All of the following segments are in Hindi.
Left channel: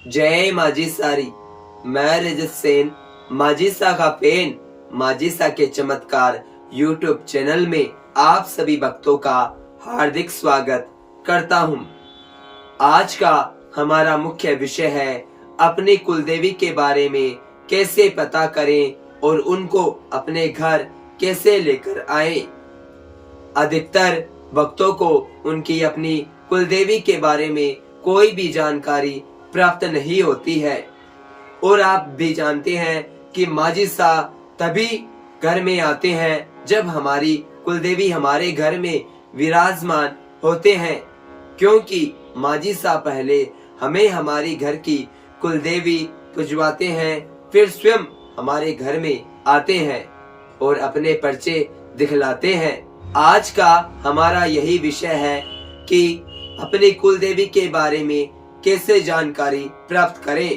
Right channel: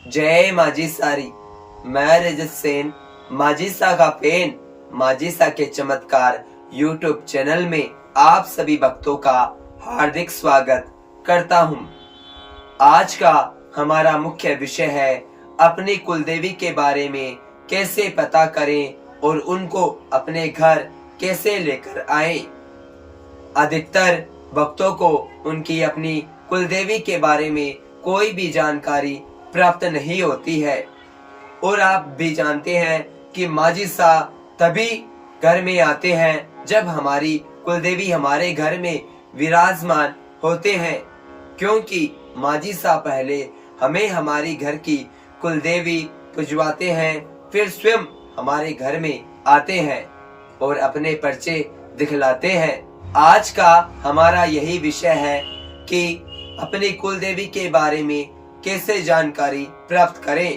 जय माजी सारी। मैं रजत सेन माजिसा का पेन माजिसा के चमत्कार यूट्यूब चैनल में आप सभी भक्तों का हार्दिक स्वागत करता हूँ। आज का हमारा मुख्य विषय है अपनी कुलदेवी के बारे में कैसे पता करें और उनको अपने घर कैसे लेकर आए। अधिकतर भक्तों को उनकी अपनी कुलदेवी के बारे में कोई भी जानकारी प्राप्त नहीं होती है और आप भी जानते हैं कि माजिसा तभी घर में आते हैं जब हमारी कुलदेवी हमारे घर में विराजमान होते हैं, क्योंकि माजिसा पहले हमें हमारी घर की कुलदेवी पुजवाते हैं, फिर स्वयं हमारे घर में आते हैं और अपने पर्चे दिखलाते हैं। आज का हमारा यही विषय है कि अपनी कुलदेवी के बारे में कैसे जानकारी प्राप्त करें।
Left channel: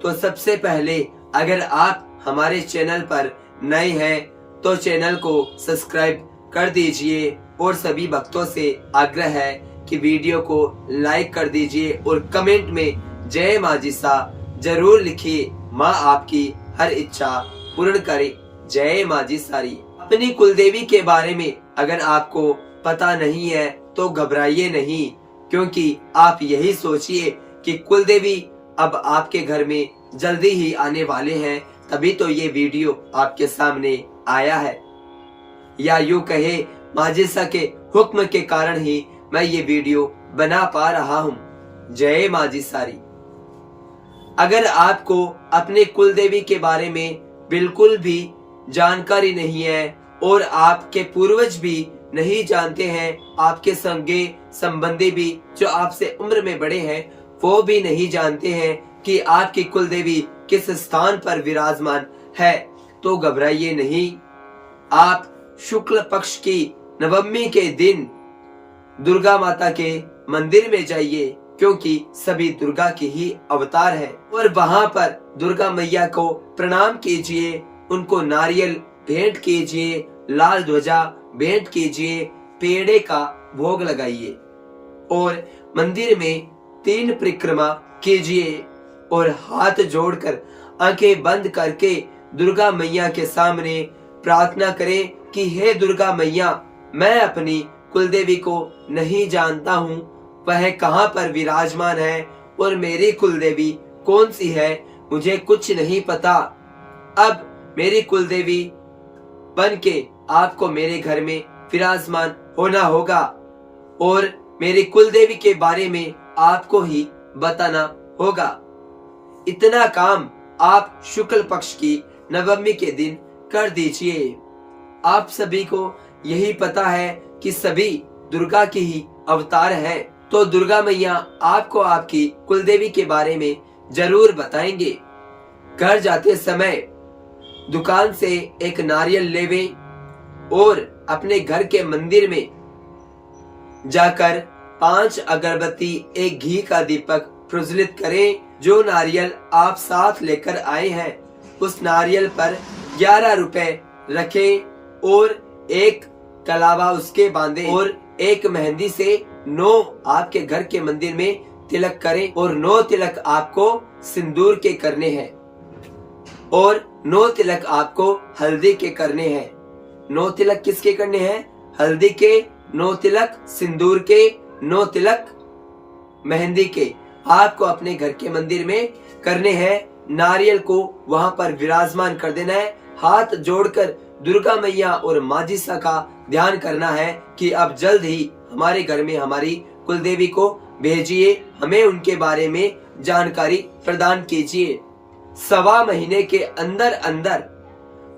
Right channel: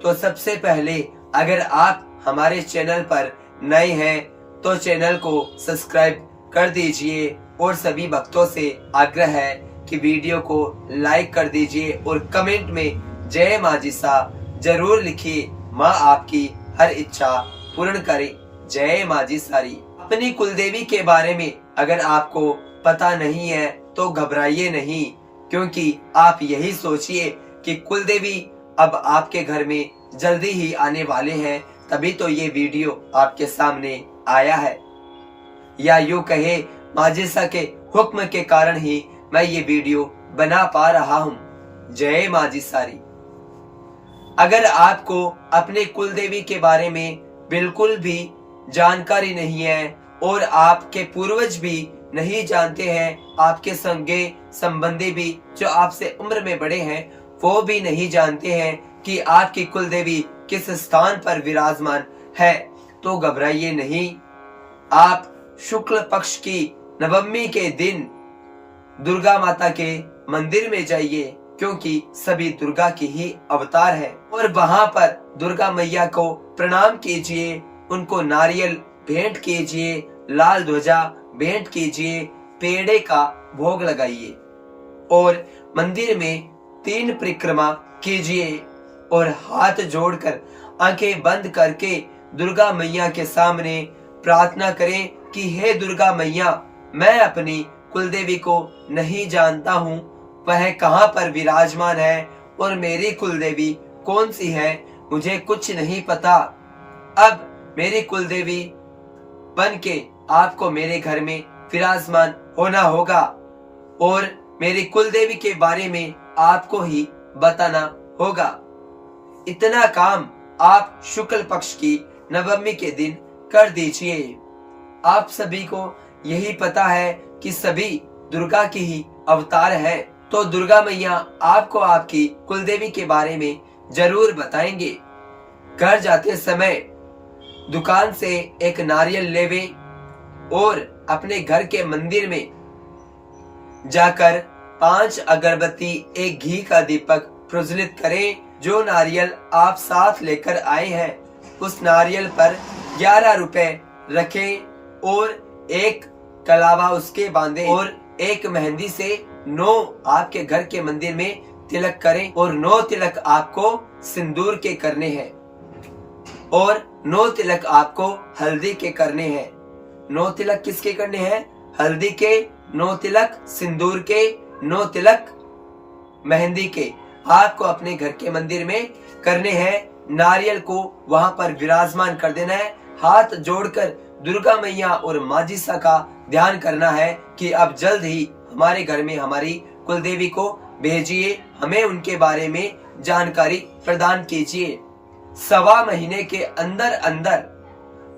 तो सबसे पहले अगर आप हमारे चैनल पर नए हैं तो चैनल को सब्सक्राइब कर दीजिए और सभी भक्तों से आग्रह है कि वीडियो को लाइक कर दीजिए और कमेंट में जय माजिसा जरूर लिखिए। माँ आपकी हर इच्छा पूर्ण करे। जय माजिसारी। अपनी कुलदेवी के बारे में अगर आपको पता नहीं है तो घबराइए नहीं, क्योंकि आप यही सोचिए कि कुलदेवी अब आपके घर में जल्दी ही आने वाले हैं, तभी तो ये वीडियो आपके सामने आया है, या यूं कहे माजिसा के हुक्म के कारण ही मैं ये वीडियो बना पा रहा हूँ। जय माजिसारी। अगर आपको अपने कुलदेवी के बारे में बिल्कुल भी जानकारी नहीं है और आपके पूर्वज भी नहीं जानते हैं, आपके संगे संबंधी भी जो आपसे उम्र में बड़े हैं वो भी नहीं जानते हैं कि आपकी कुलदेवी किस स्थान पर विराजमान है, तो घबराइए नहीं। आप शुक्ल पक्ष की नवमी के दिन दुर्गा माता के मंदिर में जाइए, क्योंकि सभी दुर्गा की ही अवतार है, और वहां पर दुर्गा मैया को प्रणाम कीजिए, उनको नारियल भेंट कीजिए, लाल ध्वजा भेंट कीजिए, पेड़े का भोग लगाइए और मंदिर में 3 परिक्रमा कीजिए और हाथ जोड़कर आंखें बंद करके दुर्गा मैया के सामने प्रार्थना करें कि हे दुर्गा मैया, मैं अपनी कुलदेवी को नहीं जानता हूँ, वह कहाँ पर विराजमान है और मेरी कुलदेवी कौन सी है, मुझे कुछ नहीं पता। अब मेरी कुलदेवी बन के आपको मेरे घर में विराजमान होना होगा और मेरी कुलदेवी के बारे में आपको ही बताना होगा। इतना काम आप शुक्ल पक्ष की नवमी के दिन कर दीजिए। आप सभी को यही पता है कि सभी दुर्गा की ही अवतार है, तो दुर्गा मैया आपको आपकी कुलदेवी के बारे में जरूर बताएंगे। घर जाते समय दुकान से एक नारियल लेवे और अपने घर के मंदिर में जाकर 5 अगरबत्ती, एक घी का दीपक प्रज्वलित करें। जो नारियल आप साथ लेकर आए हैं उस नारियल पर 11 रुपए रखें और एक कलावा उसके बांधे और एक मेहंदी से 9 आपके घर के मंदिर में तिलक करें और 9 तिलक आपको सिंदूर के करने हैं और 9 तिलक आपको हल्दी के करने हैं। 9 तिलक किसके करने हैं? हल्दी के, 9 तिलक सिंदूर के, 9 तिलक मेहंदी के आपको अपने घर के मंदिर में करने हैं। नारियल को वहां पर विराजमान कर देना है। हाथ जोड़कर दुर्गा मैया और माजिसा का ध्यान करना है कि अब जल्द ही हमारे घर में हमारी कुलदेवी को भेजिए, हमें उनके बारे में जानकारी प्रदान कीजिए। 1.25 महीने के अंदर अंदर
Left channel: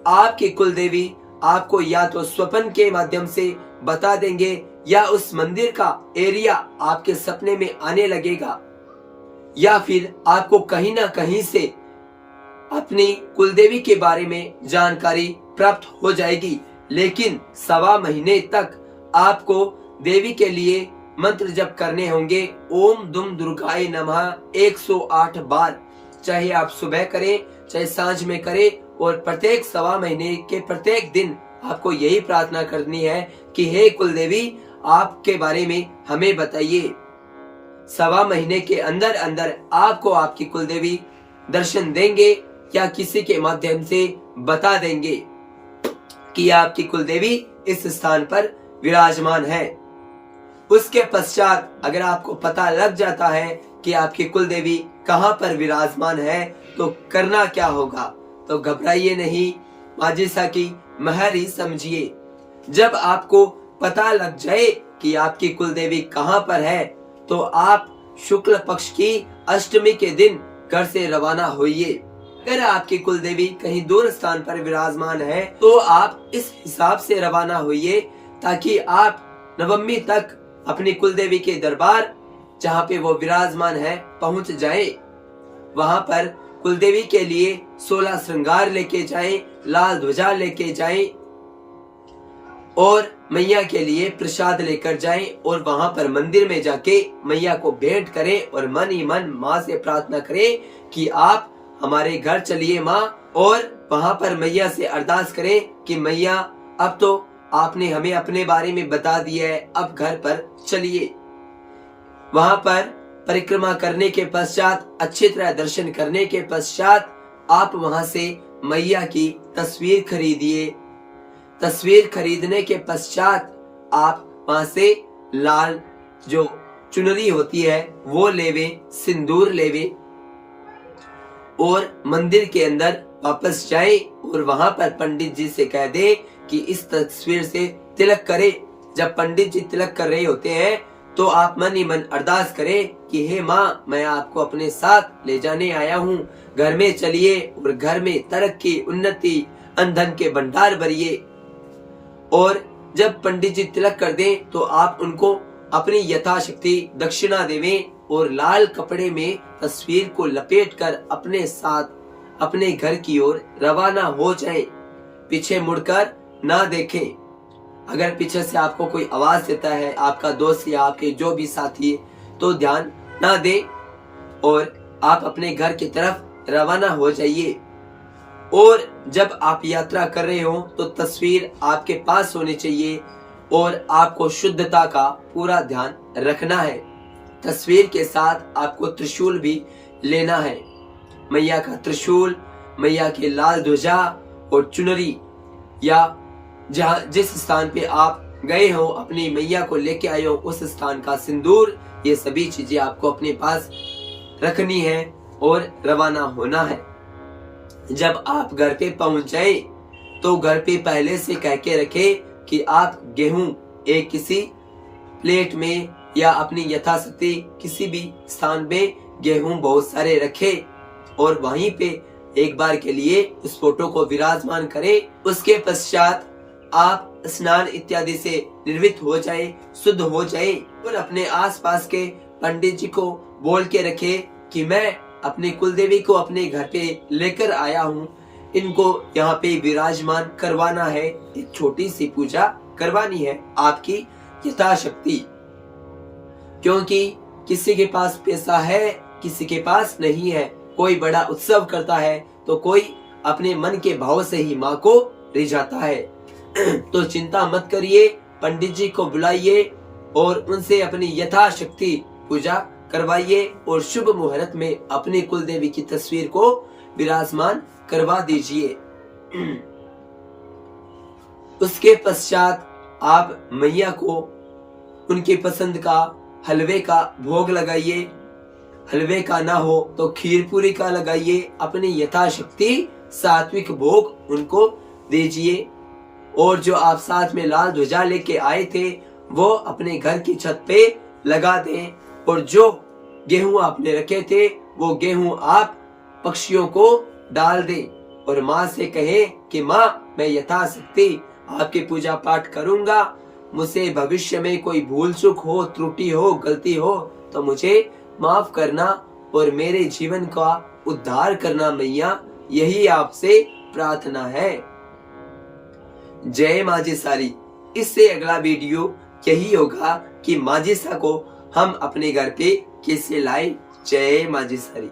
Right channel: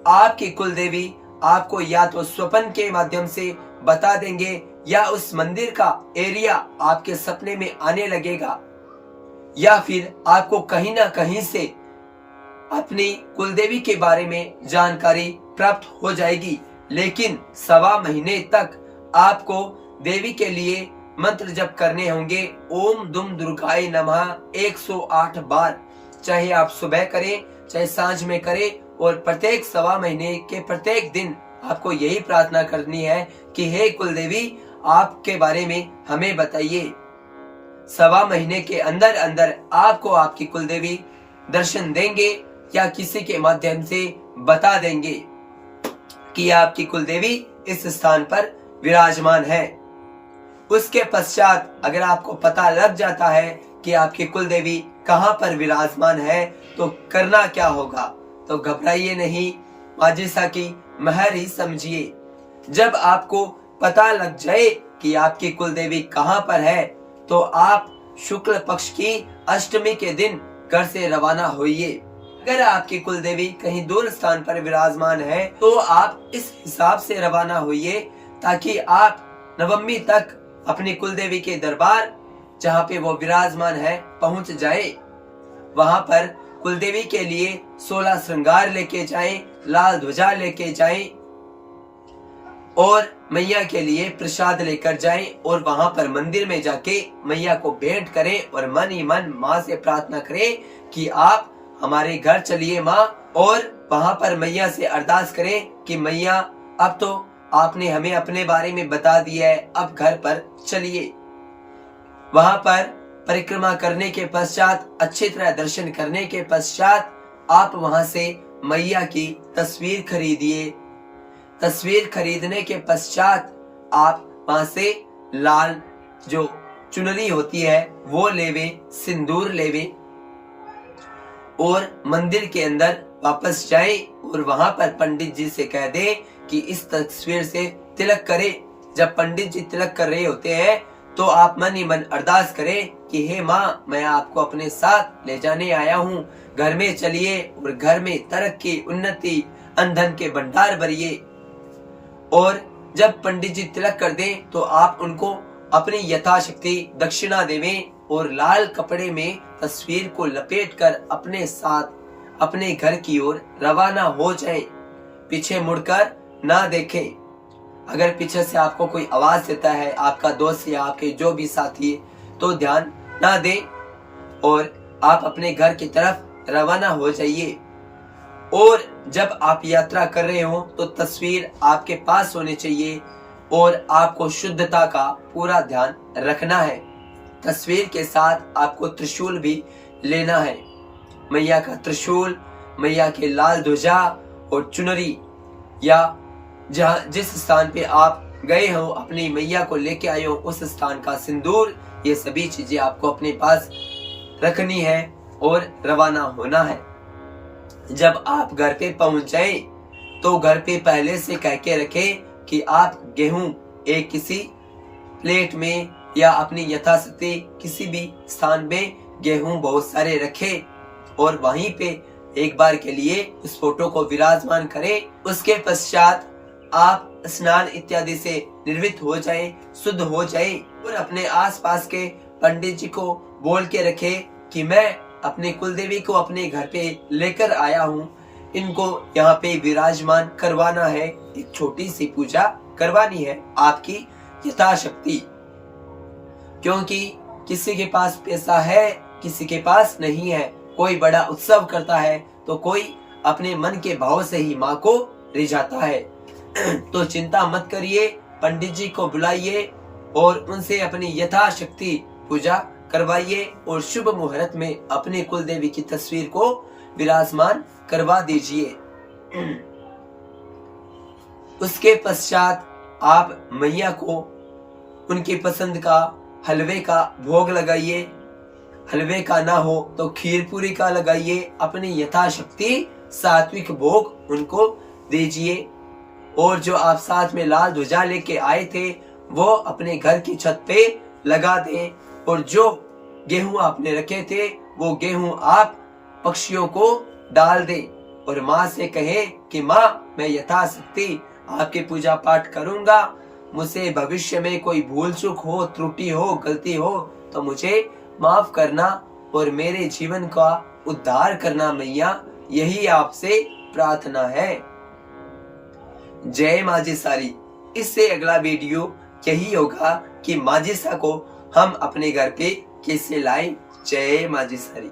आपकी कुलदेवी आपको या तो स्वप्न के माध्यम से बता देंगे या उस मंदिर का एरिया आपके सपने में आने लगेगा, या फिर आपको कहीं ना कहीं से अपनी कुलदेवी के बारे में जानकारी प्राप्त हो जाएगी। लेकिन 1.25 महीने तक आपको देवी के लिए मंत्र जप करने होंगे। ओम दुम दुर्गाय नमः 108 बार, चाहे आप सुबह करें चाहे सांझ में करें, और प्रत्येक 1.25 महीने के प्रत्येक दिन आपको यही प्रार्थना करनी है कि हे कुलदेवी, आपके बारे में हमें बताइए। सवा महीने के अंदर अंदर आपको आपकी कुलदेवी दर्शन देंगे या किसी के माध्यम से बता देंगे कि आपकी कुलदेवी इस स्थान पर विराजमान है। उसके पश्चात अगर आपको पता लग जाता है कि आपकी कुलदेवी कहां पर विराजमान है तो करना क्या होगा? तो घबराइए नहीं, माजिसा की महर ही समझिए। जब आपको पता लग जाए कि आपकी कुलदेवी कहां पर है तो आप शुक्ल पक्ष की अष्टमी के दिन घर से रवाना होइए। अगर आपकी कुलदेवी कहीं दूर स्थान पर विराजमान है तो आप इस हिसाब से रवाना होइए ताकि आप नवमी तक अपनी कुलदेवी के दरबार जहाँ पे वो विराजमान है पहुंच जाए। वहां पर कुलदेवी के लिए 16 श्रृंगार लेके जाएं, लाल ध्वजा लेके जाएं और मैया के लिए प्रसाद लेकर जाएं और वहां पर मंदिर में जाके मैया को भेंट करें और मन ही मन माँ से प्रार्थना करें कि आप हमारे घर चलिए माँ, और वहां पर मैया से अरदास करें कि मैया अब तो आपने हमें अपने बारे में बता दिया है, अब घर पर चलिए। वहां पर परिक्रमा करने के पश्चात, अच्छी तरह दर्शन करने के पश्चात आप वहां से मैया की तस्वीर खरीदिए। तस्वीर खरीदने के पश्चात आप वहां से लाल जो चुनरी होती है वो लेवे, सिंदूर लेवे और मंदिर के अंदर वापस जाएं और वहां पर पंडित जी से कह दे कि इस तस्वीर से तिलक करे। जब पंडित जी तिलक कर रहे होते हैं तो आप मन ही मन अरदास करें कि हे माँ, मैं आपको अपने साथ ले जाने आया हूँ, घर में चलिए और घर में तरक्की, उन्नति, अनधन के भंडार भरिए। और जब पंडित जी तिलक कर दें तो आप उनको अपनी यथाशक्ति दक्षिणा देवें और लाल कपड़े में तस्वीर को लपेटकर अपने साथ अपने घर की ओर रवाना हो जाएं। पीछे मुड़कर ना देखें। अगर पीछे से आपको कोई आवाज देता है, आपका दोस्त या आपके जो भी साथी, तो ध्यान ना दें और आप अपने घर की तरफ रवाना हो जाइए। और जब आप यात्रा कर रहे हो तो तस्वीर आपके पास होनी चाहिए और आपको शुद्धता का पूरा ध्यान रखना है। तस्वीर के साथ आपको त्रिशूल भी लेना है। मैया का त्रिशूल, मैया के लाल ध्वजा और चुनरी, या जिस स्थान पे आप गए हो अपनी मैया को लेके आए हो उस स्थान का सिंदूर, ये सभी चीजें आपको अपने पास रखनी है और रवाना होना है। जब आप घर पे पहुंच जाए तो घर पे पहले से कह के रखे कि आप गेहूं एक किसी प्लेट में या अपनी यथाशक्ति किसी भी स्थान में गेहूं बहुत सारे रखे और वहीं पे एक बार के लिए उस फोटो को विराजमान करें। उसके पश्चात आप स्नान इत्यादि से निर्वृत्त हो जाए, शुद्ध हो जाए और अपने आसपास के पंडित जी को बोल के रखे कि मैं अपने कुलदेवी को अपने घर पे लेकर आया हूँ, इनको यहाँ पे विराजमान करवाना है, एक छोटी सी पूजा करवानी है आपकी यथाशक्ति। क्योंकि किसी के पास पैसा है, किसी के पास नहीं है, कोई बड़ा उत्सव करता है तो कोई अपने मन के भाव से ही माँ को रिझाता है। तो चिंता मत करिए, पंडित जी को बुलाइए और उनसे अपनी यथाशक्ति पूजा करवाइए और शुभ मुहूर्त में अपने कुलदेवी की तस्वीर को विराजमान करवा दीजिए। उसके पश्चात आप मैया को उनकी पसंद का हलवे का भोग लगाइए। हलवे का ना हो तो खीर पूरी का लगाइए। अपनी यथाशक्ति सात्विक भोग उनको दीजिए और जो आप साथ में लाल ध्वजा लेके आए थे वो अपने घर की छत पे लगा दें और जो गेहूं आपने रखे थे वो गेहूं आप पक्षियों को डाल दें और माँ से कहें कि माँ, मैं यथाशक्ति आपकी पूजा पाठ करूंगा, मुझसे भविष्य में कोई भूल चूक हो, त्रुटि हो, गलती हो तो मुझे माफ करना और मेरे जीवन का उद्धार करना मैया, यही आपसे प्रार्थना है। जय माजिसारी। इससे अगला वीडियो यही होगा कि माजिसा को हम अपने घर पे कैसे लाएं। जय माजिसारी।